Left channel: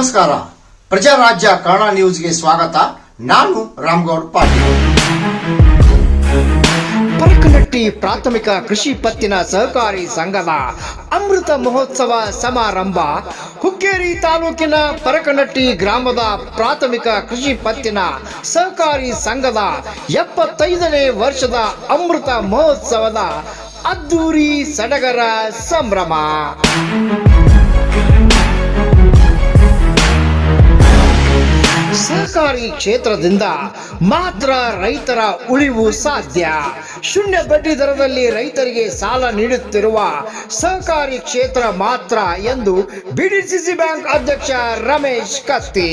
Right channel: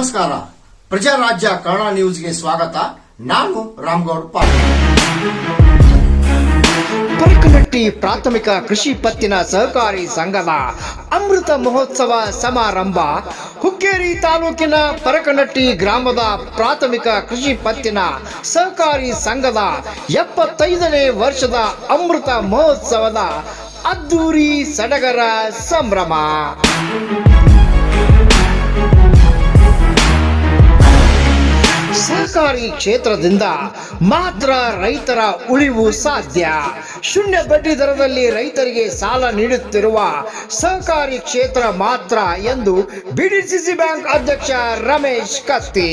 ನಮಸ್ಕಾರ. ಪ್ರಜಾರಾಜ್ಯ ಕನ್ನಡ ನ್ಯೂಸ್ಗೆ ಸ್ವಾಗತ. ನಾನು ರಾಮ್ಗೌಡ್ ಪಾಟೀಲ್. ಪರಕನಟ್ಟಿ ಪ್ರಾಥಮಿಕ ಕೃಷಿ ಪತ್ತಿನ ಸಹಕಾರಿ ಸಂಘದ ಅಮೃತ ಮಹೋತ್ಸವ ಸಮಾರಂಭ ಹುಕ್ಕೇರಿ ತಾಲೂಕಿನ ಪರಕನಟ್ಟಿ ಗ್ರಾಮದ ಪ್ರಾಥಮಿಕ ಕೃಷಿ ಪತ್ತಿನ ಸಹಕಾರಿ ಸಂಘದ ಎಪ್ಪತ್ತೈದನೇ ವರ್ಷದ ಅಮೃತ ಮಹೋತ್ಸವದ ಅದ್ದೂರಿ ಸಡಗರ ಸಂಭ್ರಮ. ಸಹಕಾರಿ ಕ್ಷೇತ್ರದಿಂದ ಮಾತ್ರ ರೈತರ ಉಳಿವು ಸಾಧ್ಯ. ಶೂನ್ಯ ಬಡ್ಡಿ ದರದಲ್ಲಿ ರೈತರಿಗೆ ಸಾಲ ನೀಡುತ್ತಿರುವ ಸಹಕಾರಿ ಕ್ಷೇತ್ರ ಮಾತ್ರ ಎಂದು ಬಿಡಿಸಿಸಿ ಬ್ಯಾಂಕ್ ಅಧ್ಯಕ್ಷ ರಮೇಶ್ ಕತ್ತಿ.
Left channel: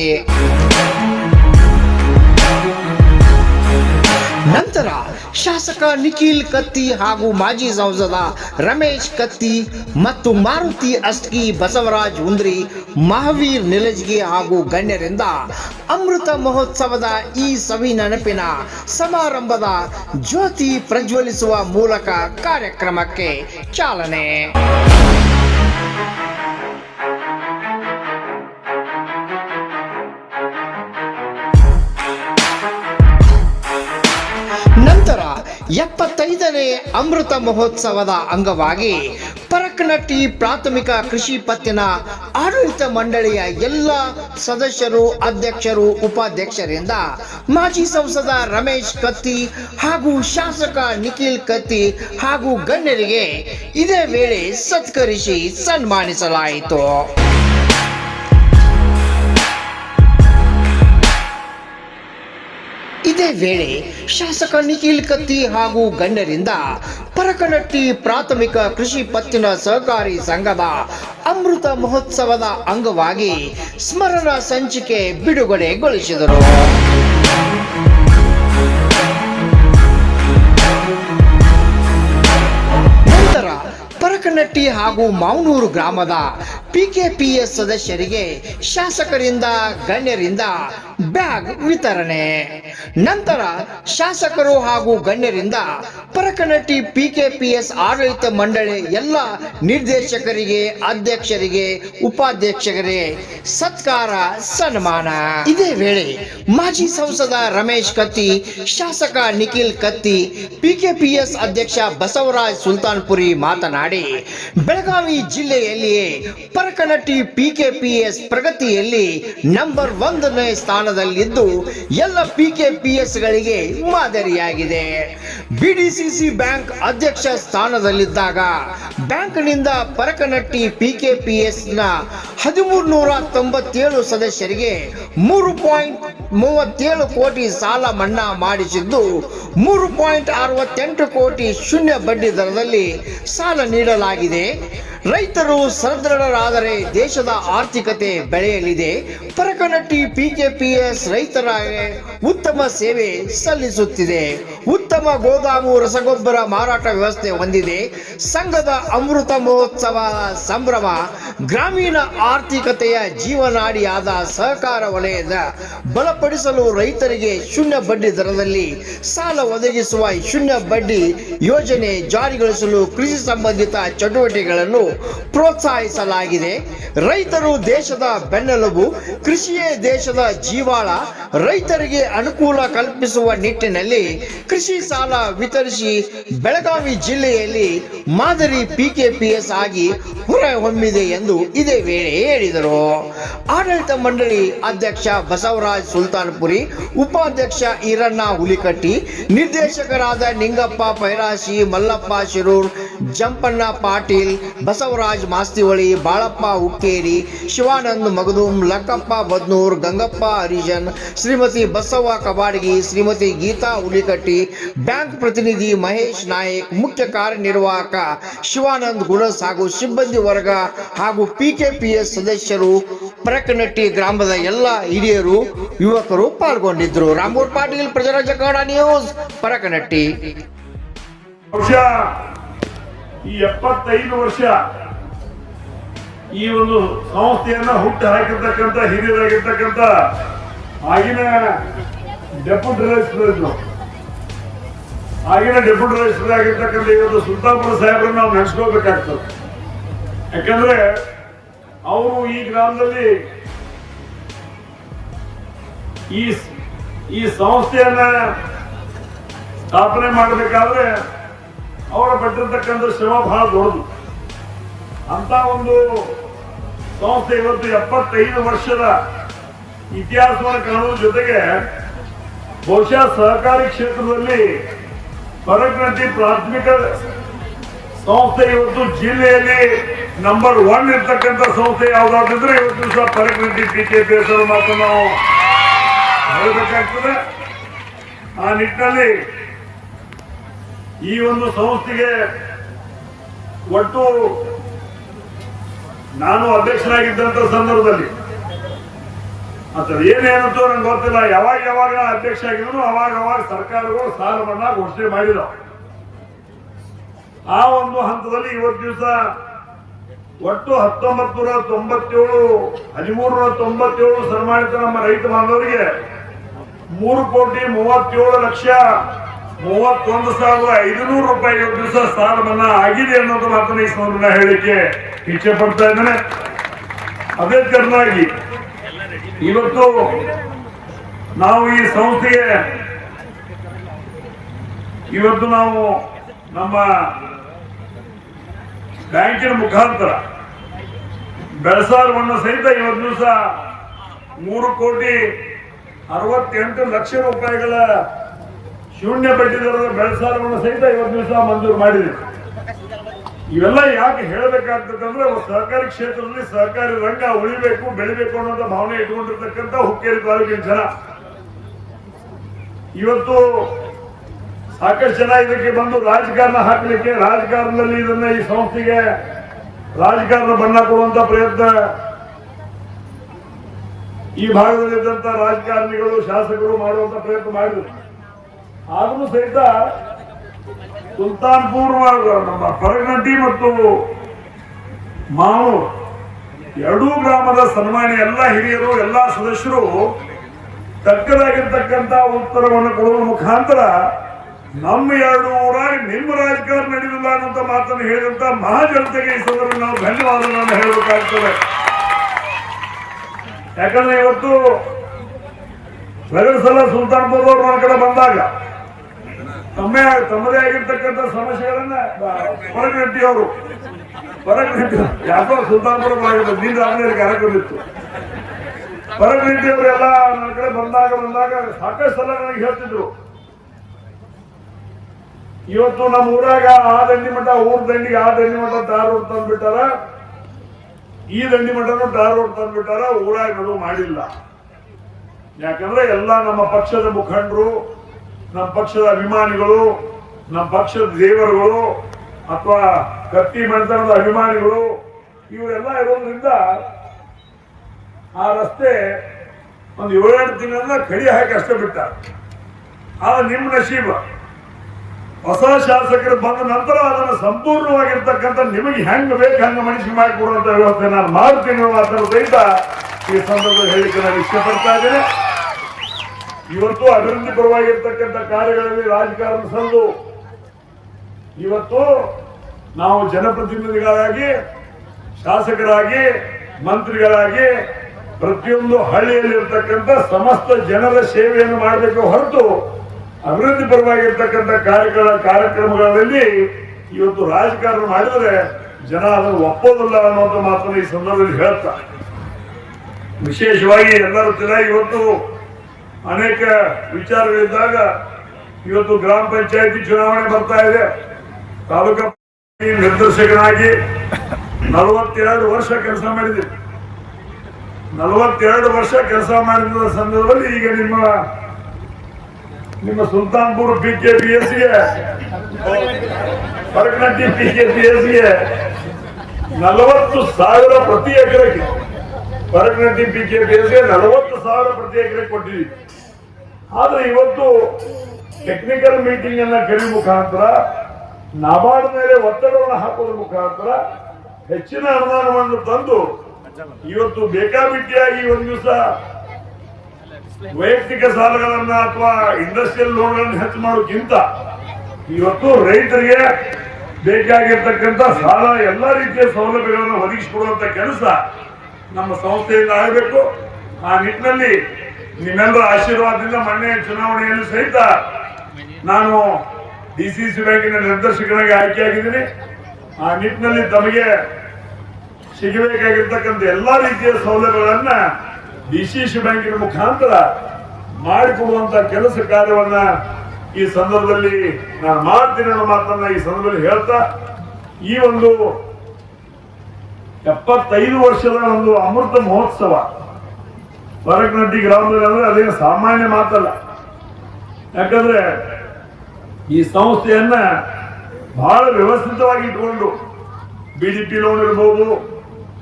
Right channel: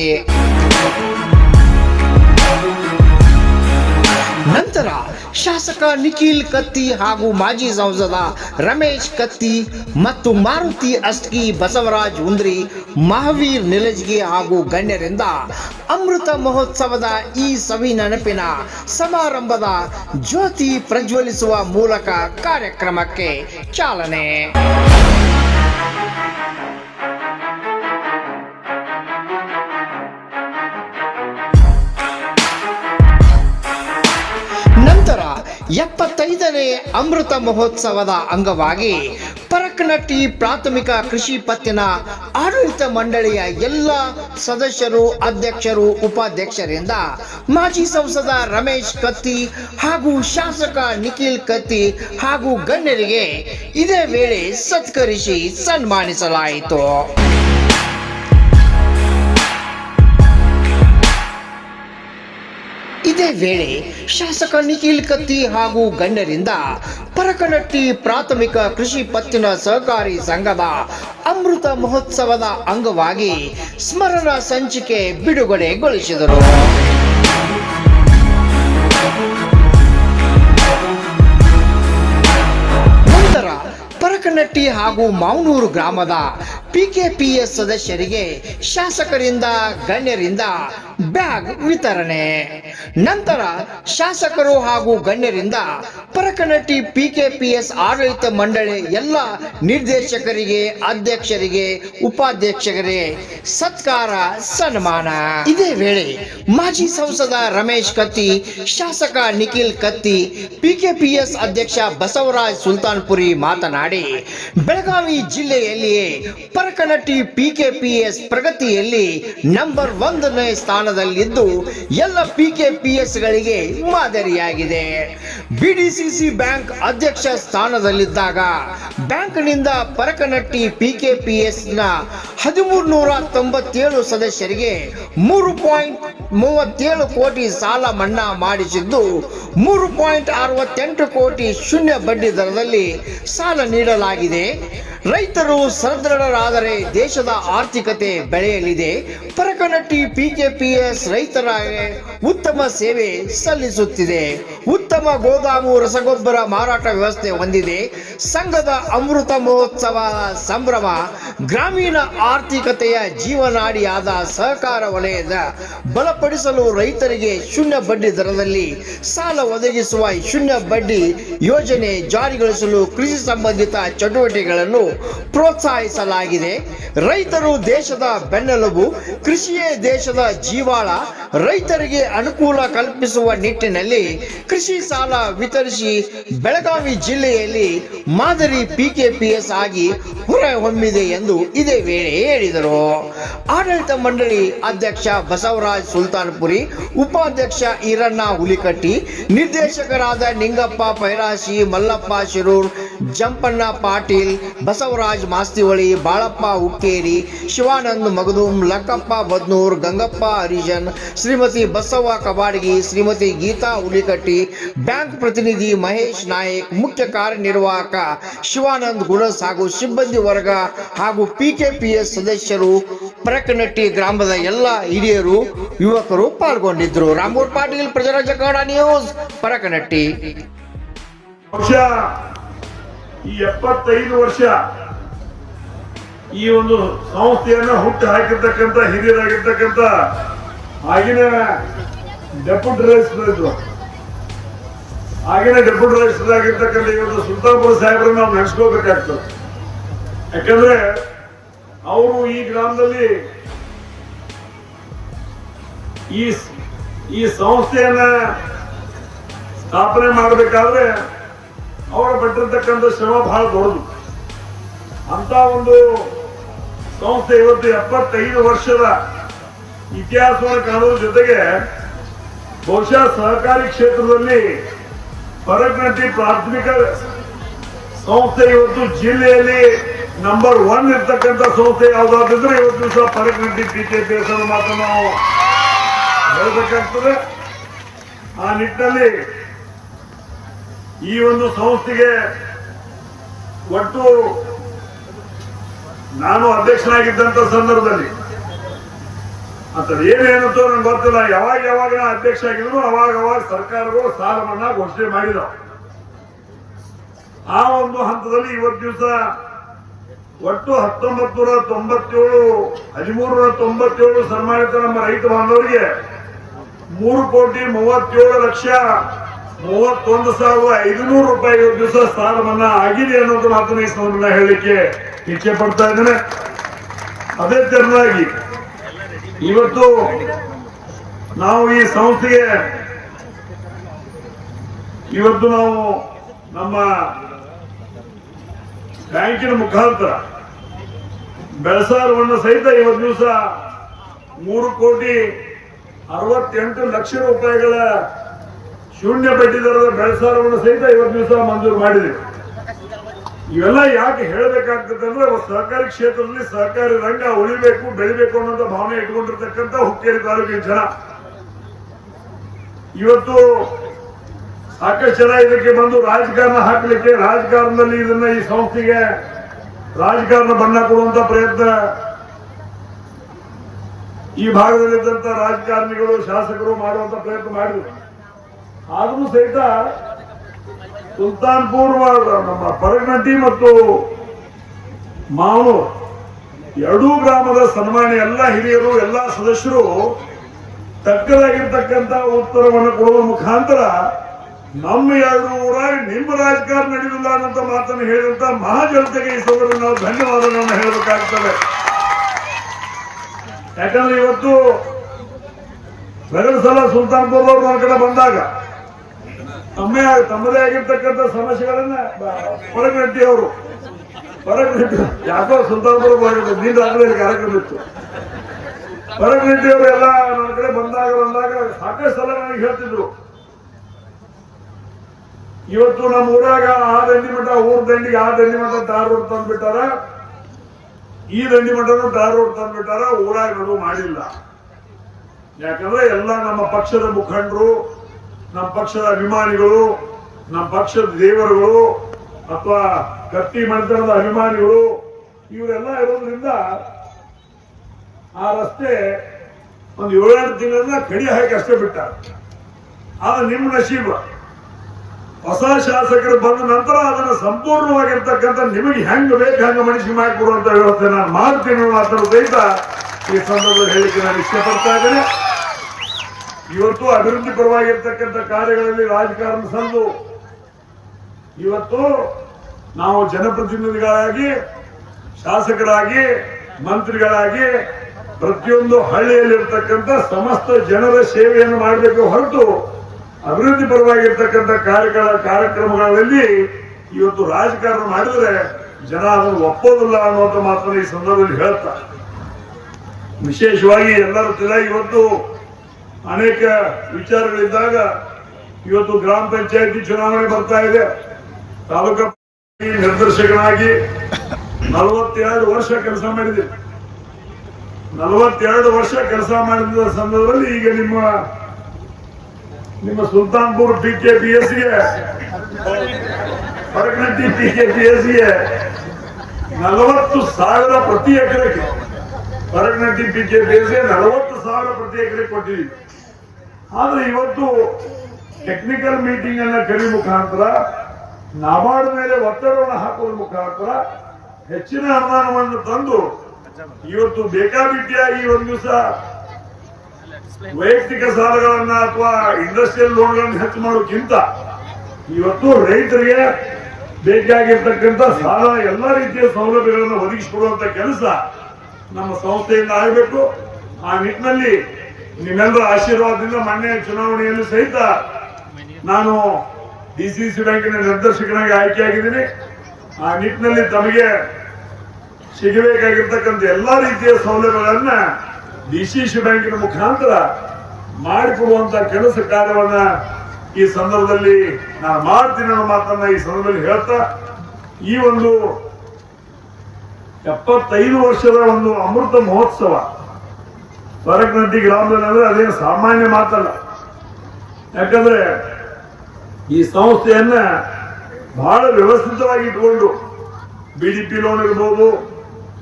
ನಂತರ ಶಾಸಕ ನಿಖಿಲ್ ಕತ್ತಿ ಹಾಗೂ ಮಾಜಿ ಸಂಸದ ರಮೇಶ್ ಕತ್ತಿ ಮತ್ತು ಮಾರುತಿ ಅಸ್ಕಿ ಬಸವರಾಜ್ ಉಂದ್ರಿ ಮಹಾವೀರ್ ನಿಲಜ್ಗಿ ಹಾಗೂ ಗಣ್ಯರಿಂದ ಅಮೃತ ಮಹೋತ್ಸವದ ಈ ಸವಿ ನೆನಪಿನ ಸಮಾರಂಭದ ಜ್ಯೋತಿ ಪ್ರಜ್ವಲಿಸುವ ಮೂಲಕ ಕಾರ್ಯಕ್ರಮಕ್ಕೆ ಚಾಲನೆ. ಎಪ್ಪತ್ತೈದನೇ ಅಮೃತ ಮಹೋತ್ಸವದ ಅಂಗವಾಗಿ ಪರಕನಟ್ಟಿ ಪ್ರಾಥಮಿಕ ಕೃಷಿ ಪತ್ತಿನ ಆಡಳಿತ ಮಂಡಳಿಯ ಎಲ್ಲ ಸದಸ್ಯರು, ಅಧ್ಯಕ್ಷರು, ಉಪಾಧ್ಯಕ್ಷರಿಂದ ಮಾಜಿ ಸಂಸದ ರಮೇಶ್ ಕತ್ತಿ ಹಾಗೂ ಶಾಸಕ ನಿಖಿಲ್ ಕತ್ತಿ ಹಾಗೂ ಗಣ್ಯರಿಗೆ ಇದೇ ವೇಳೆ ಸತ್ಕರಿಸಿ ಸನ್ಮಾನಿಸಲಾಯಿತು. ಇದೇ ವೇಳೆ ಶಾಸಕ ನಿಖಿಲ್ ಕತ್ತಿ ಹಾಗೂ ಗಣ್ಯರಿಂದ ಪರಕನಟ್ಟಿ ಪ್ರಾಥಮಿಕ ಕೃಷಿ ಪತ್ತಿನ ಸಹಕಾರಿ ಸಂಘದ ಅಮೃತ ಮಹೋತ್ಸವದ ಅಂಗವಾಗಿ ಸ್ಮರಣ ಸಂಚಿಕೆ ಬಿಡುಗಡೆಗೊಳಿಸಿದರು. ನಂತರ ಪರಕನಟ್ಟಿ ಹಾಗೂ ಮಾವನೂರು ಗ್ರಾಮದ ಪಿಕೆಪಿಎಸ್ ಸದಸ್ಯರಿಗೆ ಶಾಸಕರಿಂದ ಗಣ್ಯರಿಂದ ಬ್ಯಾಗ್ ವಿತರಣೆ. ನಂತರ ಶಾಸಕರು ಹಾಗೂ ಗಣ್ಯರಿಂದ ಪರಕನಟ್ಟಿ ಪಿಕೆಪಿಎಸ್ ಆಡಳಿತ ಮಂಡಳಿ ಎಲ್ಲ ನಿರ್ದೇಶಕರಿಗೆ, ಅಧ್ಯಕ್ಷರಿಗೆ, ಉಪಾಧ್ಯಕ್ಷರಿಗೆ ಸತ್ಕಾರ, ಸನ್ಮಾನ. ಇದೇ ವೇಳೆ ಮಾಜಿ ಸಂಸದ ರಮೇಶ್ ಕತ್ತಿ, ಶಾಸಕ ನಿಖಿಲ್ ಕತ್ತಿ, ಪಿಕೆಪಿಎಸ್ ಅಧ್ಯಕ್ಷ ಬಸವರಾಜ್ ಸುಲ್ತಾನ್ಪುರಿ ಮಾತನಾಡಿ, ಬೆಳಗಾವಿ ಜಿಲ್ಲೆಯಲ್ಲಿಯೇ ಪರಕನಟ್ಟಿ ಪಿಕೆಪಿಎಸ್ ಪ್ರಗತಿಯಲ್ಲಿ ನಂಬರ್ ಒಂದನೇ ಸ್ಥಾನದಲ್ಲಿದ್ದು, ಎಲ್ಲ ಪಿಕೆಪಿಎಸ್ ಗಳಿಗೆ ಮಾದರಿಯಾಗಿದೆ. ಬಿಡಿಸಿಸಿ ಬ್ಯಾಂಕ್ ಅಧ್ಯಕ್ಷ ಸ್ಥಾನದಲ್ಲಿದ್ದಾಗ ಬ್ಯಾಂಕ್ನಿಂದ ಪರಕನಟ್ಟಿ ಪಿಕೆಪಿಎಸ್ನ ಹದಿಮೂರು ನೂರ ತೊಂಬತ್ತೇಳು ಸದಸ್ಯರಿಗೆ ಮೂರು ಪಾಯಿಂಟ್ ಮೂವತ್ತೇಳು ಕೋಟಿ ಸಾಲ ಮನ್ನಾ ಮಾಡಿಸಿದ್ದು, ಮೂರು ಪಾಯಿಂಟ್ ಅರವತ್ತೆಂಟು ಕೋಟಿ ಶೂನ್ಯ ಬಡ್ಡಿ ದರದಲ್ಲಿ ಸಾಲ ನೀಡಲಾಗಿದೆ. ರೈತರು ಸದೃಢರಾದರೆ ದೇಶದ ಆರ್ಥಿಕತೆ ಬೆಳೆಯಲಿದೆ. ಪರಕನಟ್ಟಿ ಪಿಕೆಪಿಎಸ್ ರೈತರ ಉತ್ತಮ ಸೇವೆ ಸಲ್ಲಿಸುತ್ತಿದೆ. ಉತ್ತಮ ಗೋದಾಮು ರಸಗೊಬ್ಬರ ಮಾರಾಟ ವ್ಯವಸ್ಥೆ ಹೊಂದಿದೆ. ಸಂಘದ ಅಮೃತ ಮಹೋತ್ಸವ ಸಂಭ್ರಮ, ಗ್ರಾಮೀಣ ಆರ್ಥಿಕತೆಯ ಜೀವನಾಡಿಯಾದ ಸಹಕಾರ ವಲಯದ ಬಲಪಡಿಸಲು ರೈತರಿಗೆ ಶೂನ್ಯ ಬಡ್ಡಿ ದರದಲ್ಲಿ ಸಾಲ ಒದಗಿಸುವ ಶೂನ್ಯ ಬಡ್ಡಿ ಯೋಜನೆ ಜಾರಿಗೊಳಿಸಲು ಕೃಷಿ ಸಂಬಂಧಿತ ಚಟುವಟಿಕೆಗಳನ್ನು ಪ್ರೋತ್ಸಾಹಿಸಲಾಗಿದೆ. ರೈತರು ದೇಶದ ಬೆನ್ನೆಲುಬು, ಕೃಷಿಯೇ ದೇಶದ ಜೀವಾಳ, ರೈತರಿಗೆ ಅನುಕೂಲ ಕಲ್ಪಿಸುವ ನಿಟ್ಟಿನಲ್ಲಿ ಕೃಷಿ ಸಾಲ ವಿತರಿಸಿ ಬೆಳಗಾವಿ ಜಿಲ್ಲೆಯಲ್ಲಿ ಮಾದರಿ ಪಿಕೆಪಿಎಸ್ ಆಗಿ ಹೊರಹೊಮ್ಮಿದೆ ಎಂದು ಇದೇ ವೇಳೆ ಹೇಳಿದರು. ಆಡಳಿತ ಮಂಡಳಿ ಅಧ್ಯಕ್ಷ ಬಸವರಾಜ್ ಸುಲ್ತಾನ್ಪುರಿ, ಉಪಾಧ್ಯಕ್ಷ ಈರಣ್ಣ ಹುಲಿಕಟ್ಟಿ, ನಿರ್ದೇಶಕರಾದ ನಿಂಗಪ್ಪ ಪೈರಾಶಿ, ಮಲ್ಲಪ್ಪ ಶಿರೂರ್ ಜಂಪಣ್ಣ ಪಾಟೀಲ್, ಬಸವರಾಜ್ ಮಾಸ್ತಿವಳಿ, ಬಾಳಪ್ಪ ಉಕ್ಕೇರಿ ಶಿವಾನಂದ್ ಮಗದೂಮ್ ಲಕ್ಕಪ್ಪ ಬದ್ನೂರ್, ಗಂಗಪ್ಪ ಹರಿಜನ್, ಶ್ರೀಮತಿ ಬಸವ ಕಬಾಡಗಿ, ಶ್ರೀಮತಿ ಗೀತಾ ಹುಲಿಕಟ್ಟಿ, ಬ್ಯಾಂಕ್ ಪ್ರತಿನಿಧಿ ಮಹೇಶ್ ನಾಯಕ್, ಮುಖ್ಯ ಕಾರ್ಯನಿರ್ವಾಹಕ ಶಿವಾನಂದ್ ಗುಣಸ್ ಹಾಗೂ ಸಿಬ್ಬಂದಿ ವರ್ಗ ಹಾಗೂ ಪಿಕೆಪಿಎಸ್ ಸದಸ್ಯರು, ಪ್ರಕನಟ್ಟಿ ಗ್ರಾಮದ ಎಲ್ಲ ಹಿರಿಯರು, ಯುವಕರು ಪಾಲ್ಗೊಂಡಿದ್ದರು. ರಾಮೂರ್ ಪಾಟೀಲ್ ಪ್ರಜಾರಾಜ ಕನ್ನಡ ನ್ಯೂಸ್, ಪರಕನಟ್ಟಿ. ಈ ಎಪ್ಪತ್ತೈದು ವರ್ಷ ಈ ಒಂದು ಸಂಸ್ಥೆಯನ್ನ ಹುಟ್ಟು ಹಾಕಿರ್ತಕ್ಕಂಥ ಹಿರಿಯರಾಗಿರ್ತಕ್ಕಂಥ ಆಗಿನ ಡೆಪ್ಯೂಟಿ ರಿಜಿಸ್ಟರ್ ಆಗಿನ ಡೆಪ್ಯೂಟಿ ರಿಜಿಸ್ಟರ್ ಆಗಿರ್ತಕ್ಕಂಥ ಇವತ್ತು ಸುಲ್ತಾನ್ಪುರ ಸಾಹೇಬ್ರನ್ನ ನಾವು ನೆನೆಸ್ಕೋಬೇಕಾಗ್ತದೆ ಯಾಕಂದ್ರೆ ಅವರು ಈ ಗ್ರಾಮದಲ್ಲಿ ಈ ಈ ಸಂಸ್ಥೆಯನ್ನ ಸ್ಥಾಪನೆ ಮಾಡಬೇಕಾದ್ರೆ ಅವರ ಪಟ್ಟಿರ್ತಕ್ಕಂಥ ಶ್ರಮ ಬಹಳ ದೊಡ್ಡದು. ಅಂತ ಒಂದು ಸಂಸ್ಥೆ ಇವತ್ತು ಎಪ್ಪತ್ತೈದು ವರ್ಷದ ಇತಿಹಾಸವನ್ನು ಕಾಣುವ ಜೊತೆಗೆ ಬಹುಶಃ ಸಹಕಾರಿ ಕ್ಷೇತ್ರದಲ್ಲಿ ಪರಗ್ರಂಥಿ ಪ್ರಾಥಮಿಕ ಸಂಸ್ಥೆ ಇವತ್ತು ಜಿಲ್ಲೆಯಲ್ಲಿ ನಂಬರ್ ಒನ್ ಇರ್ತಕ್ಕಂಥ ಸಂಸ್ಥೆ ಯಾವುದಾದ್ರೆ ಇವತ್ತು ಸಹ ಪರಗ್ರಂಥಿ ಬಿಜೆಪಿ ಹೆಸರು ಮಾತ್ರ ನಾವು ಹೇಳಬೇಕಾಗ್ತದೆ. ಆ ನಿಟ್ಟಿನಲ್ಲಿ ಈ ಒಂದು ಸಂಸ್ಥೆಗೆ ಒಟ್ಟು ನಾನು ಅಧ್ಯಕ್ಷನಾಗಿದ್ದಂತ ಸಂದರ್ಭದಲ್ಲಿ ಅಂತ ಏನೇನು ಅಂತ ನಂಗೆ ಗೊತ್ತಿಲ್ಲ. ಯಾವಾಗ ಯಾವಾಗ ಅಧ್ಯಕ್ಷ ಆಗಿದ್ರು ಅವಾಗ ಅವಾಗ ಸರ್ಕಾರಗಳು ಸಾಲ ಮನ್ನಾ ಘೋಷಣೆ ಮಾಡಿದ್ರು ಆ ಒಂದು ಹಂತದಲ್ಲಿ ಇವತ್ತು ದಿವಸ ಒಟ್ಟು ಹತ್ತೊಂಬತ್ತು ನೂರ ತೊಂಬತ್ತೇಳು ಹದಿಮೂರು ನೂರ ತೊಂಬತ್ತೇಳು ಸನ್ಮಾನಿತ ನಮ್ಮ ರೈತ ಬಾಂಧವರಿಗೆ ಮೂರು ಕೋಟಿ ಮೂವತ್ತೇಳು ಲಕ್ಷ ಮೂವತ್ತೊಂದು ಸಾವಿರದ ಐದುನೂರು ರೂಪಾಯಿ ದಿವಸ ಸಾಲ ಆಗಿದೆ ಅನ್ನೋದು ಮಾತನ್ನ ಈ ಸಂದರ್ಭ ಹೇಳಿಕೆ. ಇಚ್ಛೆ ಪಡ್ತಾ ಇದ್ದೇನೆ. ಅದೇ ತರನಾಗಿ ಇವತ್ತು ನಾವು ಈ ಸಂಸ್ಥೆಗೆ ಇವತ್ತು ನಾವು ನಮ್ಮ ಬ್ಯಾಂಕಿನ ಮುಖಾಂತರ ಬೆಳಸಾರವನ್ನು ಸಹಿತ ಇವತ್ತು ದಿವಸ ಮೂರು ಕೋಟಿ ಅರವತ್ತೆಂಟು ಲಕ್ಷ ರೂಪಾಯಿಗಳ ಶೂನ್ಯ ಬಡ್ಡಿ ದರದ ಸಹಿತ ಇವತ್ತು ದಿವಸ ಮಂಜೂರು ಮಾಡಿದೆ. ಇವೆಲ್ಲ ಯಾಕೆ ಹೇಳಬೇಕಾಗ್ತದೆ ಅಂದ್ರೆ ಸಹಕಾರಿ ಕ್ಷೇತ್ರದಲ್ಲಿ ಸಹಕಾರಿ ರಂಗ ಉಳಿಬೇಕು, ಬೆಳಿಬೇಕು ಅನ್ನೋಂಥ ಭಾವನೆ ಇಟ್ಕೊಂಡಿರ್ತಕ್ಕಂಥ ಹುಕ್ಕೇರಿ ತಾಲೂಕಿನ ಜನ. ಇವತ್ತು ಸಾಕಷ್ಟು ಜನ ಇದಕ್ಕೆ ಬಂದು ರಾಜಕಾರಣ ಹಾಕಲಿಕ್ಕೆ, ರಾಜಕಾರಣದಲ್ಲಿ ಇದನ್ನ ಈ ಸಂಸ್ಥೆಗೆ ರಾಜಕಾರಣ ಬಣ್ಣ ಕೊಡುವಂತ ಪ್ರಯತ್ನ ಈ ಭಾಗದಲ್ಲಿದ್ದಂತ ರಾಜಕಾರಣಿಗಳು, ಶಾಸಕರು ಮಾಡುವಂತ ಪ್ರಯತ್ನ ಮಾಡಿದ್ರು. ಆದ್ರೂ ಸಹಿತ ಸುಲ್ತಾನ್ಪುರ್ ನಮ್ಮ ಪರಗನಟ್ಟಿ ಮತ್ತು ಮಾವು ಎರಡೂ ಗ್ರಾಮದ ಸನ್ಮಾನ್ಯ ಎಲ್ಲ ಹಿರಿಯರು, ಎಲ್ಲ ಸದಸ್ಯರು ತಕ್ಕದಾಗಿರ್ತಕ್ಕಂತ ಉತ್ತರವನ್ನು ಕೊಡುವ ಮುಖಾಂತರ ನಮ್ಮ ಎರಡು ಊರಾಗ ನಿಮ್ಮ ರಾಜಕಾರಣ ನಡೆದಿಲ್ಲ ಅನ್ನೋ ಮಾತನ್ನು ಹೇಳಿದಂತ ಮಹಾಜನತೆಗೆ ಈ ಸದರ ನಾವು ಧನ್ಯವಾದಗಳನ್ನು ಹೇಳಬೇಕಾಗ್ತದೆ. ಯಾಕಂದ್ರೆ ಇವತ್ತು ಎರಡು ಸಲ ಸುಲ್ತಾನ್ಪುರ್ ಅವರು ಒಂದ್ ಕಡೆ ಬಂದಾಗ ತಮ್ಮೇ, ತಮ್ಮದೇ ಆಗಿರ್ತಕ್ಕಂಥ ಸಮಸ್ಯೆಗಳನ್ನ ಹೊರಗಟ್ಟಿ ಅವರು ಹೊರಗಟ್ಟಿ ಯಾಕೋ ಸುಲ್ತಾನ್ಪುರ ಮಾಡಿದ್ರು ನೀರು ಆಗಲೇ ಕಾರ್ಯಕ್ರಮ ಇತ್ತು. ಹೊರಗಟ್ಟಿ ಅವರೆಲ್ಲ ನನ್ನ ಕಡೆ ಬಂದಾಗ ಬಂದಾಗ ಸಾಕಷ್ಟು ಸಲ ನನಗೆ ಹೇಳ್ತಿದ್ರು. ಇವತ್ತು ನಮ್ಮ ಊರಾಗ ಆ ದಂಡಿ ಮಠ ಊರ್ ದಂಡಿ, ಆ ದಂಡಿ ಮಠ ಟಾರ್ ರೋಡ್ ತಂದ್ಬಿಟ್ಟಾರ. ಈ ದಂಡಿ ಮಠನು ಟಾರ್ ರೋಡ್ ತಂದ್ಬಿಟ್ಟಾರ, ಊರಾಗ ಮಾಡಿಲ್ಲ. ಯಾಕಂದ್ರೆ ಎಲ್ಲ ನಮ್ಮ ಪಕ್ಷದ ಮುಖಂಡರು ನಮ್ಮ ಪಕ್ಷದ ಅಭಿಮಾನಿಗಳು, ನಮ್ಮ ಪಕ್ಷದ ದೇವರುಗಳು, ಅಥವಾ ಕತ್ತಿ ಮಂತ್ರದ ಅಭಿಮಾನಿಗಳು, ಇವರೆಲ್ಲ ಇರೋದ್ರಿಂದ ಆ ರಸ್ತೆ ಒಂದು ಏಳೆಂಟು ತಿಂಗಳನ್ನ ಕಡಿ ಹಾಕಿ ಅಷ್ಟೇ ಬಿಟ್ಟ ಆದ್ರೆ ನಿಮ್ಮ ನಶೀಬ, ಹೊಸ ಶಾಸಕರು ಬಂದ ನಂತರ ಅದನ್ನು ಸಂಪೂರ್ಣವಾಗಿರ್ತಕ್ಕಂಥ ನಿಮಗೆ ಹೆಂಗ್ ಬೇಕು ಹಂಗ ಮನುಷ್ಯ ಮಾಡಿಕೊಡುವಂತ ವ್ಯವಸ್ಥೆ ನಾನು ಮಾಡ್ತೀನಿ ಅನ್ನೋ ಅದರ ಈ ಸಂದರ್ಭದಲ್ಲಿ ಹೇಳಿಕೆ ನಾನು ಇಷ್ಟಪಡ್ತಾ ಇದ್ದೇನೆ. ಇವತ್ತು ಅಭಿವೃದ್ಧಿ ಪರವಾಗಿರ್ತಕ್ಕಂಥ ಕಾರ್ಯಗಳಲ್ಲಿ ರಾಜಕಾರಣ ಸಂದು ಇವತ್ತು ನಾವು ಜನಪ್ರತಿನಿಧಿಗಳಾಗಿ, ಶಾಸಕರಾಗಿ, ಮಂತ್ರಿಗಳಾಗಿ ಪ್ರತಿಯೊಂದು ಹಳ್ಳಿಯಲ್ಲಿ ಇರ್ತಕ್ಕಂಥ ಸಮಸ್ತ ಜನರ ಸೇವೆಯನ್ನು ಮಾಡಬೇಕು ಹೊರತು ಅಭಿವೃದ್ಧಿ ಪರವಾಗಿರ್ತಕ್ಕಂಥ ಕಾರ್ಯಗಳ ಕಾರ್ಯಕ್ರಮಗಳಲ್ಲಿ ಇವತ್ತು ರಾಜಕಾರಣ ಮಾಡಿದರೆ ಜನ ಅದನ್ನು ಒಪ್ಪೋದಿಲ್ಲ ಅನ್ನೋದು ಮಾತನ್ನು ಈ ಸಂದರ್ಭದಲ್ಲಿ ಹೇಳ್ತಾ ವಿಶೇಷವಾಗಿ ಎಲ್ಲರೂ ಚೆನ್ನಾಗಿ ಇವತ್ತು ಅನೇಕ ವಿಚಾರಗಳಿದ್ದಾಗ ಇವತ್ತು ಗ್ರಾಮ ಪಂಚಾಯತಿ ಚುನಾವಣೆ ಬರ್ತಾ ಇದೆ. ತಾಲೂಕಾ ನಿರ್ದೇಶಕನಾಗಿ ನಲವತ್ತೆರಡು ವರ್ಷ ಕೆಲಸ ಮಾಡಿದೆ. ನಲವತ್ತೆರಡು ವರ್ಷ ಕೆಲಸ ಮಾಡಿದ ಸಂದರ್ಭದಲ್ಲಿ ಈಗ ನಿಮ್ಮ ನಿಮ್ಮ ಸುಲ್ತಾನ್ಪುರ್ ಪಿ ಕೆ ಪಿ ಎಸ್ಗೆ ಪರಕನಟ್ಟಿ ಪಿ ಕೆ ಪಿ ಎಸ್ಗೆ ನಲವತ್ತು ಸಾವಿರ ಪ್ರತಿ ಎಕರೆಗೆ ಪರಕನಟ್ಟಿ ಪಿ ಕೆ ಪಿ ಎಸ್ಗೆ ನಲವತ್ತು ಸಾವಿರ ಪ್ರತಿ ಎಕರೆ ಕೊಟ್ಟಿದ್ದೀವಿ. ಆದ್ರೆ ಇವತ್ತು ಟೆಕ್ನಿಕಲ್ ಮೀಟಿಂಗ್ ಅನ್ನ ಕರಿ ಮುಖಾಂತರ, ನಾಬಾರ್ಡ್ ಮೇಲೆ ಒತ್ತಡವನ್ನು ಹಾಕೋದ್ರ ಮುಖಾಂತರ ಹೆಚ್ಚಿನ ಅನುದಾನವನ್ನು ತಂದು ಇವತ್ತು ಬೇಕಾಬಿಟ್ಟಿಯಾಗಿ ಒಂದು ದಿವಸ ವೈಯಕ್ತಿಕ ಸಾಲಗಳನ್ನ ಅಥವಾ ಇಂಡಸ್ಟ್ರಿಯಲ್ ಲೋನ್ಗಳನ್ನು ಹೆಚ್ಚು ಮಾಡೋಕ್ಕಿಂತ ಇವತ್ತು ರೈತರಿಗೆ ಬೇಕಾಗಿರ್ತಕ್ಕಂಥ ಸಾಲ, ಎಲ್ಲ ರೀತಿಯ ಸೌಲಭ್ಯಗಳನ್ನು ಒದಗಿಸಿಕೊಡುವಂತ ಕೆಲಸ ನಮ್ಮ ಸಂಸ್ಥೆಯಿಂದ ಆಗಬೇಕು. ಆ ನಿಟ್ಟಿನಲ್ಲಿ ನಿಮ್ಮೆಲ್ಲರ ಆಶೀರ್ವಾದದಿಂದ ಮೊನ್ನೆ ಚುನಾವಣೆಯಲ್ಲಿ ಸಹಿತ ನಾನು ಡಿ ಸಿ ಸಿ ಬ್ಯಾಂಕಿನ ನಿರ್ದೇಶಕನಾಗಿ ಆಯ್ಕೆಯಾಗಿದ್ದೀನಿ. ಆ ನಿಟ್ಟಿನಲ್ಲಿ ತಮಗೆ ಸಿಗಬೇಕಾಗಿರ್ತಕ್ಕಂಥ ಎಲ್ಲಾ ರೀತಿಯ ಸೌಲಭ್ಯಗಳನ್ನ ಡಿ ಸಿ ಸಿ ಬ್ಯಾಂಕಿನ ಮುಖಾಂತರ ಮಾಡಿಕೊಡುವಂತ ಕೆಲಸ ಕಾರ್ಯವನ್ನ ಈ ಸಂದರ್ಭದಲ್ಲಿ ನಾನು ಮಾಡ್ತೀನಿ ಅನ್ನೋ ಮಾತನ್ನ ಈ ಸಂದರ್ಭದಲ್ಲಿ ಹೇಳ್ತಾ, ಈ ಒಂದು ಎಪ್ಪತ್ತೈದು ವರ್ಷದ ಒಂದು ಅಮೃತ ಮಹೋತ್ಸವ ಹೊರಕನಟ್ಟಿ ಗ್ರಾಮದಲ್ಲಿ ಅಂದ್ರೆ ಅದೇನು ಸಾಮಾನ್ಯ ಮಾತಲ್ಲ. ಯಾಕಂದ್ರೆ ಈ ಸಂಸ್ಥೆಯನ್ನ ಬಹಳ ವ್ಯವಸ್ಥಿತವಾಗಿ ಇಟ್ಕೊಂಡು ಬಿಜೆಪಿ ಲೋನ್ ಇರ್ಬೋದು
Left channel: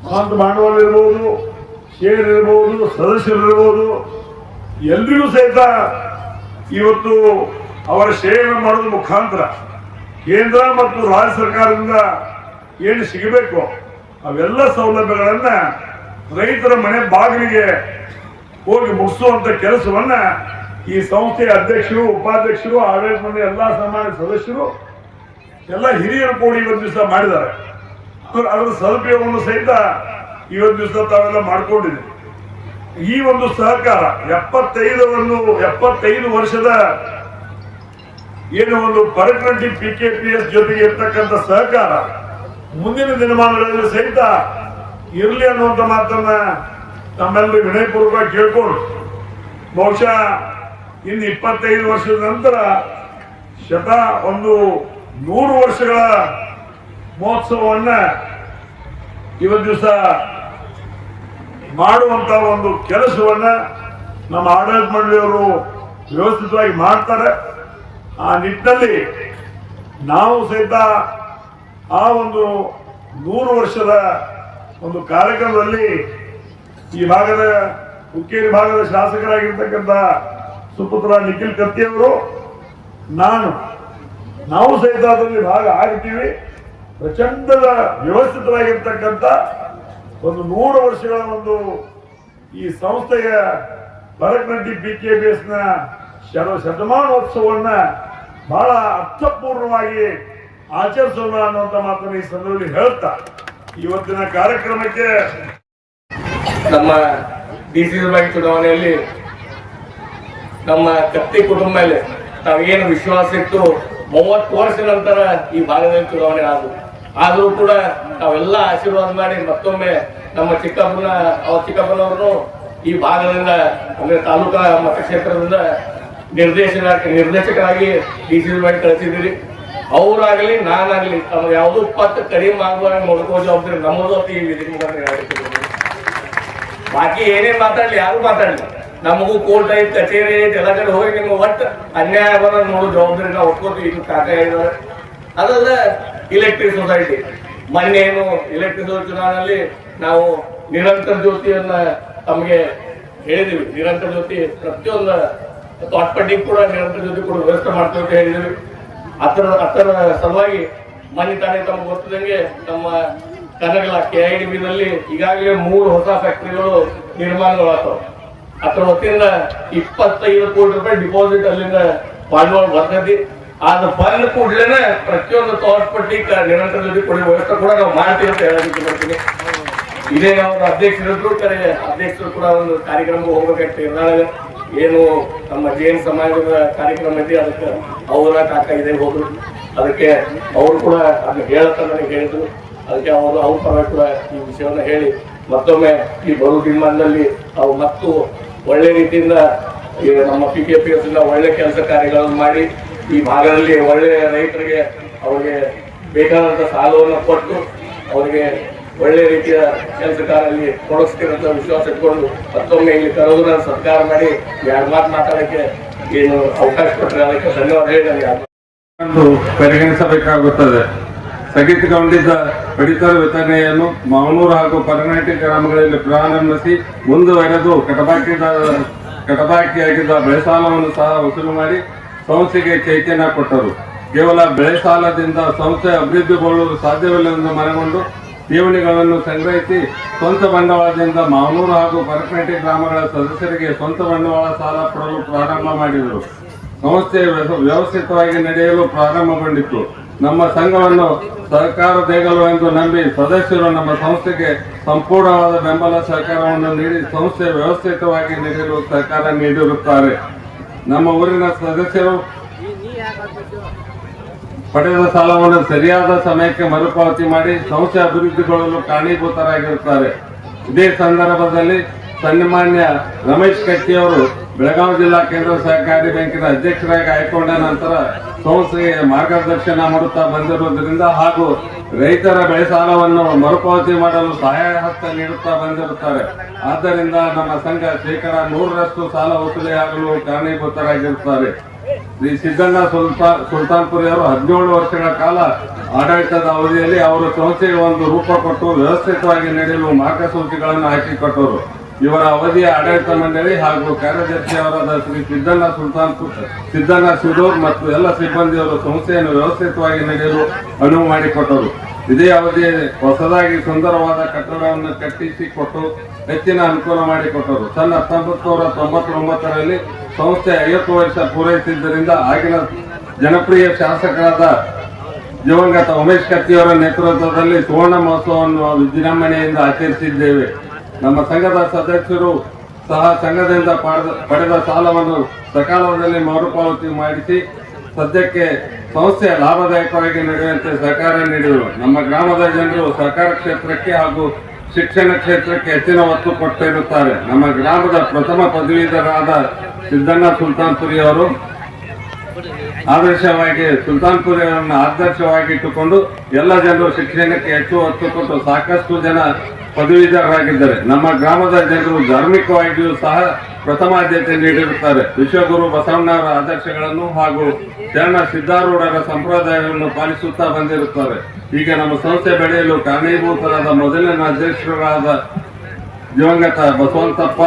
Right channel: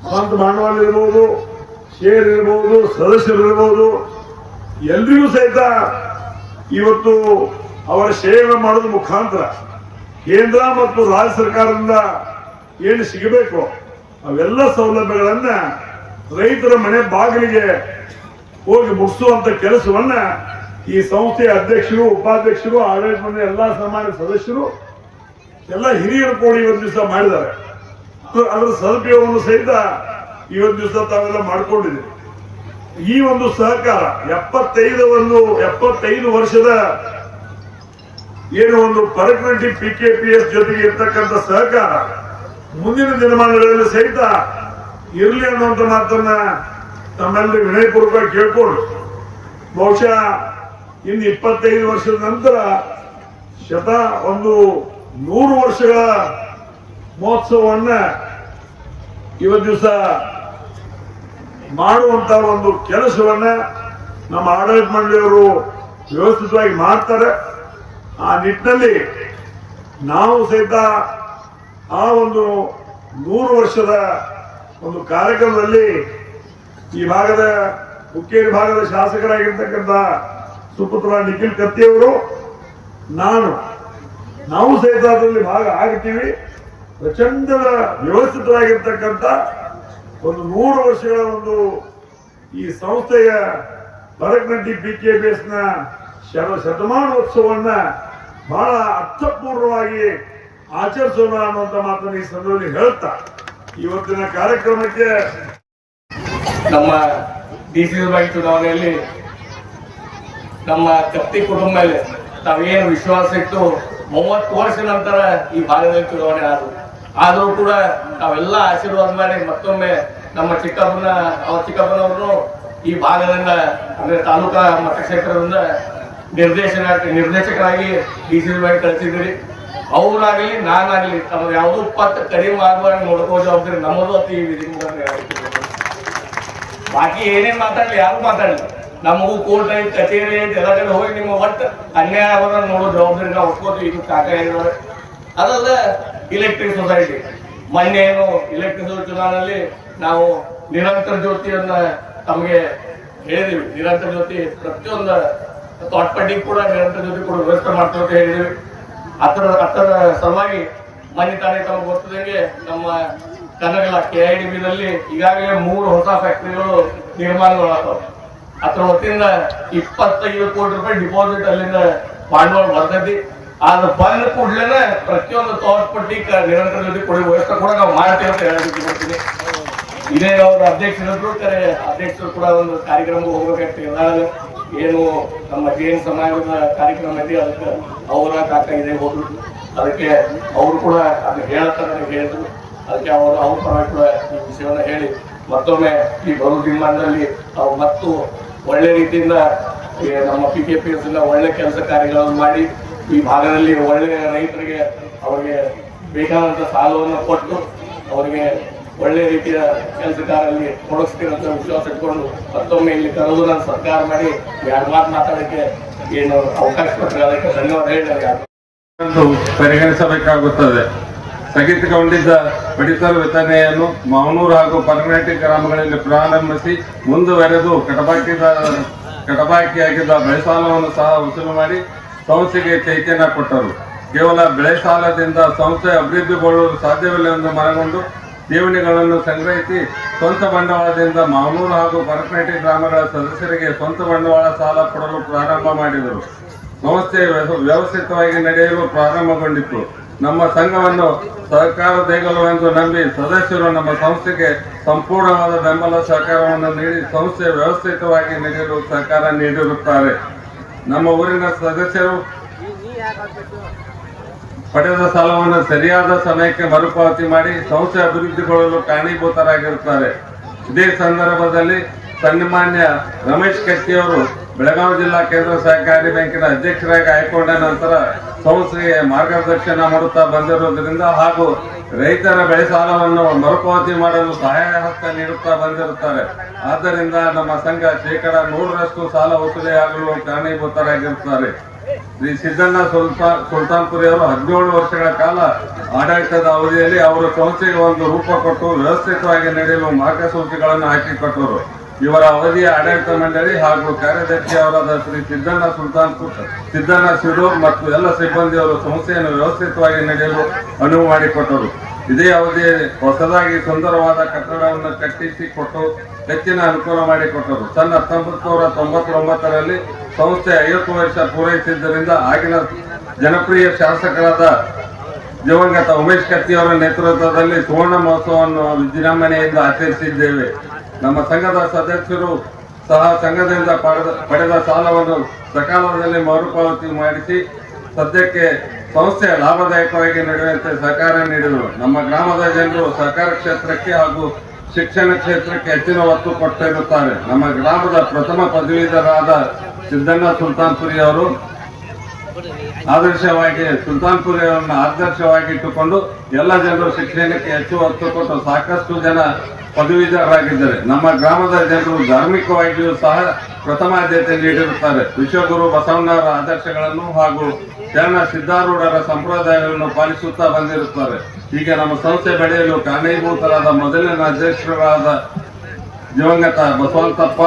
ಸ್ವಂತ ಬಂಡವಾಳ ಇರ್ಬೋದು ಶೇರ್ ಇರ್ಬೋದು ಸದಸ್ಯರು ಇರ್ಬೋದು ಎಲ್ರಿಗೂ ಸಹಿತ ಇವತ್ತು ಅವರ ಶೇರ್ ಮಾಡೋದ್ರ ಮುಖಾಂತರ ಕೇಂದ್ರ ಮತ್ತು ರಾಜ್ಯ ಸರ್ಕಾರದಿಂದ ಏನು ಸಿಗಬೇಕು? ಅವೆಲ್ಲ ಸೌಲಭ್ಯಗಳನ್ನ ರೈತರ ಮನೆ ಬಾಗಿಲಿಗೆ ಹೋಗಿ ಮುಗಿಸುವಂತ ಕೆಲಸವನ್ನ ಈ ಸಂಸ್ಥೆಯ ಅಧ್ಯಕ್ಷರು, ಉಪಾಧ್ಯಕ್ಷರು ಆಡಳಿತ ಮಂಡಳಿ ಎಲ್ಲಾ ಸಮಾಜ ಸದಸ್ಯರು, ಎಲ್ಲ ಹಿರಿಯರು ಕೂಡಿ ಇವತ್ತು ದಿವಸ ಮಾಡಿದ್ದಾರೆ. ಅದ್ರ- ಸದುಪಯೋಗವನ್ನು ಸಹಿತ ಇವತ್ತು ದಿವಸ ತಾವೆಲ್ಲ ಮಾಡ್ಕೊಂಡಿದ್ದೀವಿ ಈ ಒಂದು ಸಹಕಾರ ಎಪ್ಪತ್ತೈದು ಒಂದು ಎಪ್ಪತ್ತೈದು ವರ್ಷದ ಏನು ಒಂದು Parakanti P K P S ಜೊತೆಗೆ ಇರ್ತಕ್ಕಂಥ ಸಹಕಾರ ಮುಂದಿನ ದಿನಮಾನಗಳಲ್ಲಿ ಸಹಿತ ಇರಲಿ ಅನ್ನುವಂತ ಮಾತನ್ನ ತಮ್ಮೆಲ್ಲರೂ ವಿನಯಪೂರ್ವಕ ಕೇಳ್ಕೊಂಡು ಬಹುಶಃ ಇನ್ನು ಇಪ್ಪತ್ತೈದು ವರ್ಷದ ನಂತರ ಶತ ಒಂದು ನೂರು ವರ್ಷಗಳ ಮಹೋತ್ಸವವನ್ನ ಇವತ್ತು ದಿವಸ ಮಾಡುವಂತ ಒಂದು ಕೆಲಸವನ್ನ ನಮ್ಮ ಆಡಳಿತ ಮಂಡಳಿಯವರು ವ್ಯವಸ್ಥಿತವಾಗಿ ಮಾಡ್ತಾರೆ. ಆ ನಿಟ್ಟಿನಲ್ಲಿ ನಾವು ಸಹಿತ ಆ ಒಂದು ನೂರು ವರ್ಷದ ಒಂದು ಕಾರ್ಯಕ್ರಮದಲ್ಲಿ ಈ ಭಾಗದ ಹುಕ್ಕೇರಿ ಭಾಗದ ಶಾಸಕರಾಗಿರ್ತಕ್ಕಂಥ ಸುಪುತ್ರ ನಿಖಿಲ್ ಕತ್ತಿಯವರು, ನಾನು, ನಾವು ಸಹಿತ ಅದರಲ್ಲಿ ಭಾಗ ಆಗ್ತೀವಿ ಪ್ರಚಂಡದ ವ್ಯವಸ್ಥಿತವಾಗಿರ್ತಕ್ಕಂಥ ಒಂದು ನೂರು ವರ್ಷಗಳ ಒಂದು ಈ ಸಂಸ್ಥೆಯ ಬರಕ್ನಟ್ಟಿ ಬಿ ಕೆ ಬಿ ಎಸ್ನ ಶತ- ಶತಮಾನೋತ್ಸವವನ್ನ ಬಹಳ ಅರ್ಥಪೂರ್ಣವಾಗಿ ಆಚರಿಸೋಣ ಅನ್ನುವಂತ ಮಾತನ್ನು ಈ ಸಂದರ್ಭದಲ್ಲಿ ಹೇಳ್ತಾ ಇವತ್ತಿನ ಕಾರ್ಯಕ್ರಮಕ್ಕೆ ನಮ್ಮ ಡಿ ಸಿ ಬ್ಯಾಂಕ್ ಚುನಾವಣೆಯಲ್ಲಿ ನಮ್ಮ ಕತ್ತಿ ಕುಟುಂಬ ಮೇಲೆ ನಾವೇನು ವಿಶ್ವಾಸ ಇಟ್ಟು ಮೂವತ್ತು ವರ್ಷ ನಂತರ ಈ ಭಾಗದಲ್ಲಿ ಚುನಾವಣೆ ಆದ್ರು. ಆದರೂ ಕೂಡ ನಾವೆಲ್ಲ ಆಶೀರ್ವಾದ ಮಾಡಿ ಮತ್ತೊಮ್ಮೆ ನಮ್ಮ ಚಿಕ್ಕಪ್ಪನ ಅವ್ರ ಚಿಕ್ಕಪ್ಪನವ್ರನ್ನು ಈ ಭಾಗದಿಂದ, ಅಂದ್ರೆ ತಾಲೂಕಾ ಮತಕ್ಷೇತ್ರದಿಂದ ನಿರ್ದೇಶನ, ನಿರ್ದೇಶಕರಾಗಿ ಡಿ ಸಿ ಬ್ಯಾಂಕ್ ಕಳಿಸಿದ್ದೀರಿ. ಅವರಾಗಲಿ, ನಾನಾಗಲಿ ತಮಗೆ ಯಾವುದೂ ಪತ್ತು ಕಡಿಮೆ ಆಗುವಾಗ ನೋಡ್ಕೋ ಜವಾಬ್ದಾರಿ ನಮ್ಮದು ಅಂತ ಈ ವಿಧಿ ಮುಖಾಂತರ. ಬಾಕಿ ಏನೇನ್ ಮಾತಾಡ್ಲಿ, ಯಾರು ಮಾತಾಡ್ಲಿ? ನಮಗೂ ಕೋರ್ಟ್ ಐತಿ, ಕಚೇರಿ ಐತಿ, ಎಲ್ಲ ಕಡೆ ಹೋಗಿ ನಿಮ್ಮ ಒಟ್ಟು ಅನ್ಯಾಯ ಆಗೋದ ನೋಡೋ, ಜವಾಬ್ದಾರಿ ನಾವು ಒಪ್ಕೋತೀವಿ, ಇದು ಕಾಕ ಅದಲ್ಲ ಇಲೆಕ್ಟ್ರಿಕ್ ಸೊಸೈಟಿ ಮೊನ್ನೆ ಏನು ಇಲೆಕ್ಟ್ರಿಕ್ ಚುನಾವಣೆಯಲ್ಲಿ ನಾವು ನಿರಂತರ ಜ್ಯೋತಿಯನ್ನ ತಮಗೆ ಹೇಳಿದೀವಿ. ನಿರಂತರ ಜ್ಯೋತಿ ಪ್ರತಿಯೊಂದು ತೋಟಪಟ್ಟಿಗೆ ಕೂಡ ನಿರಂತರ ಜ್ಯೋತಿ ಕೂಡ ವ್ಯವಸ್ಥೆ ಮಾಡ್ತೀವಿ ಅಂತ ಹೇಳಿದೀವಿ. ಅದರ ಅದರ ಸಲುವಾಗಿ ಮನೆ ತಾನೇ ತಮಗೆ ಗೊತ್ತದಂಗೆ ನಮ್ಮ ಕನಗಲ ಕೆ ಐ ಡಿ ಬಿನಲ್ಲಿ ಈಗಾಗಲೇ ಮೂರು ಹೊಸ ಫ್ಯಾಕ್ಟ್ರಿಗಳು ನಿರ್ಮಾಣಗಳಾಗ್ತವೆ ಅದರ ವತಿಯಿಂದ ಇಪ್ಪತ್ತೈದು ಕೋಟಿ ರೂಪಾಯಿ ಡಿಪಾಸಿಟ್ ಅಲ್ಲಿಂದ ಬಂಡವಾಳ ಬರ್ತೈತಿ. ಅದು ಬಂದ ಕೂಡಲೇ ಪ್ರತಿಯೊಂದು ತೋರ್ಪಟ್ಟಿ ನಿರಂತರ ಜೊತೆ ಕೊಡಿ ವ್ಯವಸ್ಥೆ ಕೂಡ ನಾವು ಮಾಡ್ತೀವಿ ಅಂತ ಹೇಳೋದಕ್ಕೆ ಬರ್ತೀನಿ. ಇದೇ ಅವ್ರ ಅಧ್ಯಕ್ಷರಿದ್ರು ಕರೆ ಅಧ್ಯಕ್ಷರು ಕೂಡ ಒಂದು ಕಾರ್ಯಕ್ರಮಕ್ಕೆ ಹೋಗ್ಬೇಕಂತ ಇದ್ದಾಗ ಏನು ನಮ್ಮ ಜೈನ್ ಸಮಾಜದ ಕಾರ್ಯಕ್ರಮ ಐತಿ ಅದಕ್ಕೆ ಅವರ ಕಾಕ ಇದೆ ಹೋದ್ರು. ಅದಕ್ಕೆ ಅವರು ಕೂಡ ಅದನ್ನ ಹೇಳ್ತಾರೆ ಹೇಳಿದ್ರು ಅದಕ್ಕೆ ಅವರು ಅವ್ರ ಪರ ಕೂಡ ಈ ವಿಷಯವನ್ನು ಹೇಳಿ ಮತ್ತೊಮ್ಮೆ ಈ ಬರೋ ದಿನಮಾನದಲ್ಲಿ ಅವು ಮತ್ತು ಒಳ್ಳೆ ರೀತಿಯಿಂದ ನಮ್ಮ ಪಿ ಕೆ ಪಿ ಇಂದ ಒಳ್ಳೆ ಕೆಲಸ ಕಾರ್ಯಗಳನ್ನು ಮಾಡಿ ಈ ಭಾಗದಲ್ಲಿ ಒಳ್ಳೆ ರೈತರಿಗೆ ಅವರಿಗೆ ಬೇಕಾದಂಥ ಸಾಲವನ್ನು ಕೊಟ್ಟು ಅವರಿಗೆ ಒಳ್ಳೆ ರೀತಿಯ ಕೆಲಸ ಕಾರ್ಯದಲ್ಲಿ ತೊಡಗಿಸ್ತೀರಂತ ವಿಶ್ವಾಸ ಇಟ್ಕೊಂಡು ಮತ್ತೊಮ್ಮೆ ಇಲ್ಲಿ ಕರೆದು ನಾನು ಸರ್ಕಾರ ಮಾಡಿ ಎರಡು ಮಾತು ಮಾತಾಡೋಕ್ಕೆ ಏನು ಅವಕಾಶ ಕೊಟ್ಟರೆ ಅದಕ್ಕೆ ಧನ್ಯವಾದ ಹೇಳಿ ನನಗೆ ಪರಿಗಣಿಸಬೇಕಾಗುತ್ತದೆ. ಸ್ಥಗಿತಗೊಂಡಿದ್ದ ಪಡಿತರ ವಿತರಣೆಯನ್ನು ಮಾವನೂರು ಹಾಗೂ ಪರನಾಟಿ ಗ್ರಾಮಗಳಲ್ಲಿ ಪ್ರಾರಂಭಿಸಿ ಮುಂದುವರೆದು ಕಟಬಾಕಿದ ಕಟಬಾಕಿಯಾಗಿದ್ದ ಬೆಳೆ ಸಾಲವನ್ನು ಸಹ ವಸೂಲು ಮಾಡಿ ಸಂಸ್ಥೆಗೆ ಚೈತನ್ಯ ಕೊಟ್ಟರು. ಕೇವಲ ಬೆಳೆ ಸಾಲದಿಂದ ಸಂಸ್ಥೆ ಅಭಿವೃದ್ಧಿಗೊಳ್ಳಲು ಸಾಧ್ಯವಿಲ್ಲ ಮನಗೊಂಡು ಠೇವಣಿಗಳನ್ನು ಸಂಗ್ರಹಿಸಿ ಸ್ವಂತ ಬಂಡವಾಳದಿಂದ ಮಾವನೂರು ಹಾಗೂ ಪರಕನಟಿ ಗ್ರಾಮಗಳ ಸದಸ್ಯರಿಗೆ ಸ್ವಂತ ಬಂಡವಾಳ ಸಾಲ ಕೊಡಲು ಪ್ರಾರಂಭ ಮಾಡಿದರು. ಸಂಸ್ಥೆ ವ್ಯವ- ವ್ಯವಸ್ಥಿತವಾಗಿ ನಡೆಯಲು ಪ್ರಾರಂಭಗೊಂಡಿತ್ತು ನಮ್ಮ ಸಂಘವನ್ನು ಸಹಕಾರ ಎಂದು ನಂಬಿ ಸದಸ್ಯರು ನಮ್ಮ ಸಂಸ್ಥೆಗೆ ಸಂಪೂರ್ಣವಾದ ಬೆಂಬಲ ಸಹಕಾರವನ್ನು ನೀಡಿ ಸಂಸ್ಥೆ ವ್ಯವಸ್ಥಿತವಾಗಿ ನೀಡಲು ಸಹಕಾರ ನೀಡಿರುತ್ತಾರೆ. ನಮ್ಮ ಊರಿನ ಸದಸ್ಯರು ಪಡೆದ ಸಾಲವನ್ನು ಸರಿಯಾದ ಸಮಯಕ್ಕೆ ಮರುಪಾವತಿ ಮಾಡಿ ಸಂಸ್ಥೆ ಅಭಿವೃದ್ಧಿಗೊಳ್ಳಲು ಕಾರಣೀಭೂತರಾಗಿರುತ್ತಾರೆ. ಇದೇ ಸಂದರ್ಭದಲ್ಲಿ ಸನ್ಮಾನ್ಯ ರಮೇಶ್ ಕಟ್ಟಿಯವರು ಬೆಳಗಾವಿ ಜಿಲ್ಲಾ ಕೇಂದ್ರ ಸಹಕಾರಿ ಬ್ಯಾಂಕಿನ ಅಧ್ಯಕ್ಷರಾಗಿ ಆಯ್ಕೊಂಡ ನಂತರ ಸಂಸ್ಥೆಗೆ ಮಾರ್ಗದರ್ಶನ ಮಾಡುತ್ತಾ ಬಂದಿರುವುದರಿಂದ ಹಾಗೂ ರೈತರ ಬೆಳೆ ಸಾಲವನ್ನು ಮರುಪಾವತಿ ಮಾಡಲು ಸಹಾಯ ಹಸ್ತ ನೀಡುತ್ತಾ ಬಂದಿರುತ್ತಾರೆ. ಆದ್ದರಿಂದ ನಮ್ಮ ಸಂಘ ಶೇಕಡ ನೂರರಷ್ಟು ಸಾಲ ವಸೂಲಿ ಆಗಲು ಕಾರಣೀಭೂತರಾಗಿರುತ್ತಾರೆ ಶ್ರೀ ಸಿದ್ದಣ್ಣ ಸುಲ್ತಾನ್ ಸುಲ್ತಾನ್ಪುರಿ ಅವರು ಹದಿನೇಳು ವರ್ಷಗಳ ಕಾಲ ಆಡಳಿತದ ಅವಧಿಯಲ್ಲಿ ಅವರು ಸಂಸ್ಥೆಗೆ ಒಂದು ರೂಪ ಕೊಟ್ಟು ವ್ಯವಸ್ಥಿತವಾಗಿ ನಡೆಯಲು ಮಾರ್ಗಸೂಚಿಗಳನ್ನು ಹಾಕಿಕೊಟ್ಟರು. ಇವರ ಅವಧಿಯ ಆಡಳಿತ ಮಂಡಳಿ ಹಾಗೂ ಕಾರ್ಯದರ್ಶಿ ಅವರಾದ ಶ್ರೀ ಸಿದ್ದಣ್ಣ ಸುಲ್ತಾನ್ಪುರ್ ಸಿದ್ದಣ್ಣ ಸಿಡೂರ್ ಮತ್ತು ಎಲ್ಲ ಸಿಬ್ಬಂದಿಯವರು ಸಂಸ್ಥೆಯನ್ನು ವ್ಯವಸ್ಥಿತವಾಗಿ ನಡೆಯಲು ಅನುವು ಮಾಡಿಕೊಟ್ಟರು. ಇದೇ ಅವಧಿಯಲ್ಲಿ ಹೊಸದಾಗಿ ಸುಂದರವಾದ ಕಟ್ಟಡವನ್ನು ಕಟ್ಟಿಸಿ ಕೊಟ್ಟು ಹೆಚ್ಚಿನ ಅನುಕೂಲ ಮಾಡಿಕೊಟ್ಟರು. ಸಣ್ಣ ಹತ್ತೊಂಬತ್ತು ತೊಂಬತ್ತೊಂಬತ್ತರಲ್ಲಿ ಸಂಸ್ಥೆ ಐವತ್ತು ವರ್ಷ ಪೂರೈಸಿದ್ದರಿಂದ ಆಗಿನ ಜನಪ್ರಿಯ ಶಾಸಕರಾದ ದಿವಂಗತ ಉಮೇಶ್ ಕತ್ತಿಯವರ ನೇತೃತ್ವದಲ್ಲಿ ಸುವರ್ಣ ಮಹೋತ್ಸವವನ್ನು ವಿಜೃಂಭಣೆಯಿಂದ ಆಚರಿಸಿದ್ದೇವೆ. ನಮ್ಮ ಸಂಘದ ಸದಸ್ಯರು ಸಹ ಸಂಘದಿಂದ ಪಡೆದ ಪಡೆದ ಸಾಲವನ್ನು ಸಕಾಲದಲ್ಲಿ ಮರುಪಾವತಿ ಮಾಡಿಸಿ, ಸದ್ಯಕ್ಕೆ ಸಂಸ್ಥೆ ಲಾಭದಾಯಕವಾಗಿ ನಡೆಯುವಂತೆ ಸಹಕಾರ ನೀಡಿದರು. ನಮ್ಮ ಗ್ರಾಮದ ಜನರು ಸಹಕಾರ ಕ್ಷೇತ್ರಕ್ಕೆ ಹಾಗೂ ಶಿಕ್ಷಣ ಕ್ಷೇತ್ರಕ್ಕೆ ಹೆಚ್ಚಿನ ಒತ್ತು ಕೊಟ್ಟಿರುತ್ತಾರೆ ನಮ್ಮ ಗ್ರಾಮದ ಪ್ರಥಮ ಪದವೀಧರಾದ ಸಿದ್ದಣ್ಣ ಸುಲ್ತಾನ್ಪುರಿ ಅವರು ಆದರ್ಶವಾಗಿ ಸುಲ್ತಾನ್ಪುರ ಆದರ್ಶವಾಗಿ ಇಟ್ಟುಕೊಂಡು ಎಲ್ಲ ಜನರು ಶಿಕ್ಷಣಕ್ಕೆ ಹೆಚ್ಚು ಒತ್ತು ಕೊಟ್ಟು ಸಾಕಷ್ಟು ಜನ ಪದವೀಧರರಾಗಿದ್ದಾರೆ. ನಮ್ಮ ಗ್ರಾಮದ ಜನರು ಧಾರ್ಮಿಕವಾಗಿಯೂ ಸಹ ಪ್ರಥಮ ಆದ್ಯತೆ ನೀಡಿರುತ್ತಾರೆ. ವಿಶ್ವಗುರು ಬಸವಣ್ಣವರ ಆದರ್ಶಗಳನ್ನು ಹಾಗೂ ಶರಣ ಸಿದ್ಧಾರೂಢರ ಸಂಪ್ರದಾಯವನ್ನು ಪಾಲಿಸುತ್ತಾ ಬಂದಿರುತ್ತಾರೆ. ಈಗ ನಮ್ಮ ಸಂಸ್ಥೆ ಬೆಳೆಯಲು ಕಾರಣೀಭೂತರಾದ ಮೊದಲಿನ ಅಧ್ಯಕ್ಷರಾದ ದಿವಂಗತ ಬಸವಂತಪ್ಪ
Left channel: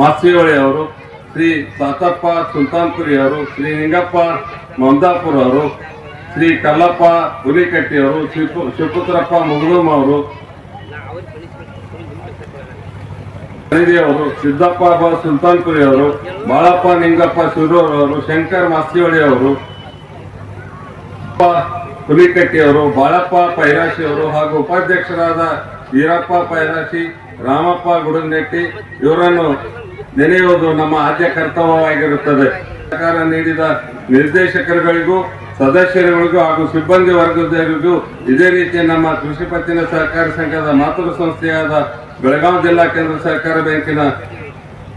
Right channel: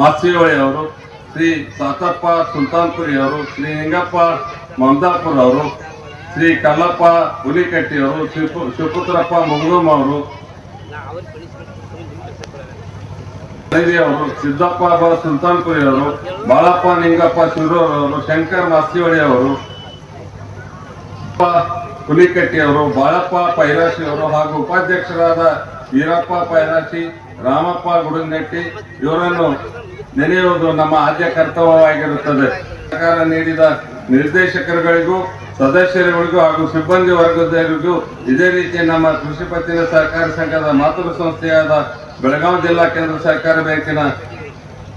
ಮಾಸಿಯೋಳಿ ಅವರು ಶ್ರೀ ಸಾತಪ್ಪ ಸುಲ್ತಾನ್ಪುರಿ ಅವರು, ಶ್ರೀ ನಿಂಗಪ್ಪ ಮಮದಾಪುರ ಅವರು, ಶ್ರೀ ಕಲ್ಲಪ್ಪ ಹುಲಿಕಟ್ಟಿ ಅವರು, ಶಿವಪು, ಶಿವಪುತ್ರಪ್ಪ ಮುಗುಳಂ ಅವರು ಅವರು, ಸಿದ್ದಪ್ಪ ಸುಲ್ತಾನ್ಪುರಿ ಅವರು, ಬಾಳಪ್ಪ ನಿಂಗಪ್ಪ ಶಿರೂರ್ ಅವರು, ಶಂಕರ್ ಮಾಸ್ತಿಹೊಳಿ ಅವರು, ಹುಲಿಕಟ್ಟಿ ಅವರು, ಬಾಳಪ್ಪ ಪೈರಾಶಿ ಅವರು ಹಾಗೂ ಉಪಾಧ್ಯಕ್ಷರಾದ ವೀರಪ್ಪ ಪೈರಾಶಿ, ರಾಮಪ್ಪ ಗುಡನ್ನೆಟ್ಟಿ ಇವರನ್ನು ನೆನೆಯುವುದು ನಮ್ಮ ಆದ್ಯ ಕರ್ತವ್ಯವಾಗಿರುತ್ತದೆ. ಸರ್ಕಾರ ನೀಡಿದ ನಿರ್ದೇಶಕರುಗಳಿಗೂ, ಸದಸ್ಯರುಗಳಿಗೂ ಹಾಗೂ ಸಿಬ್ಬಂದಿ ವರ್ಗದವರಿಗೂ ಇದೇ ರೀತಿ ನಮ್ಮ ಕೃಷಿ ಪತ್ತಿನ ಸಹಕಾರಿ ಸಂಘದ ಮಾತೃ ಸಂಸ್ಥೆಯಾದ ಬೆಳಗಾವಿ ಜಿಲ್ಲಾ ಕೇಂದ್ರ ಸಹಕಾರ ಬ್ಯಾಂಕಿನ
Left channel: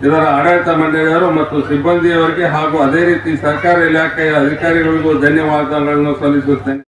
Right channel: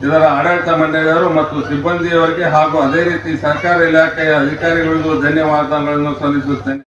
ಇದರ ಆಡಳಿತ ಮಂಡಳಿಯವರು ಮತ್ತು ಸಿಬ್ಬಂದಿಯವರಿಗೆ ಹಾಗೂ ಅದೇ ರೀತಿ ಸರ್ಕಾರ ಇಲಾಖೆಯ ಅಧಿಕಾರಿಗಳಿಗೂ ಧನ್ಯವಾದಗಳನ್ನು ಸಲ್ಲಿಸುತ್ತೇನೆ.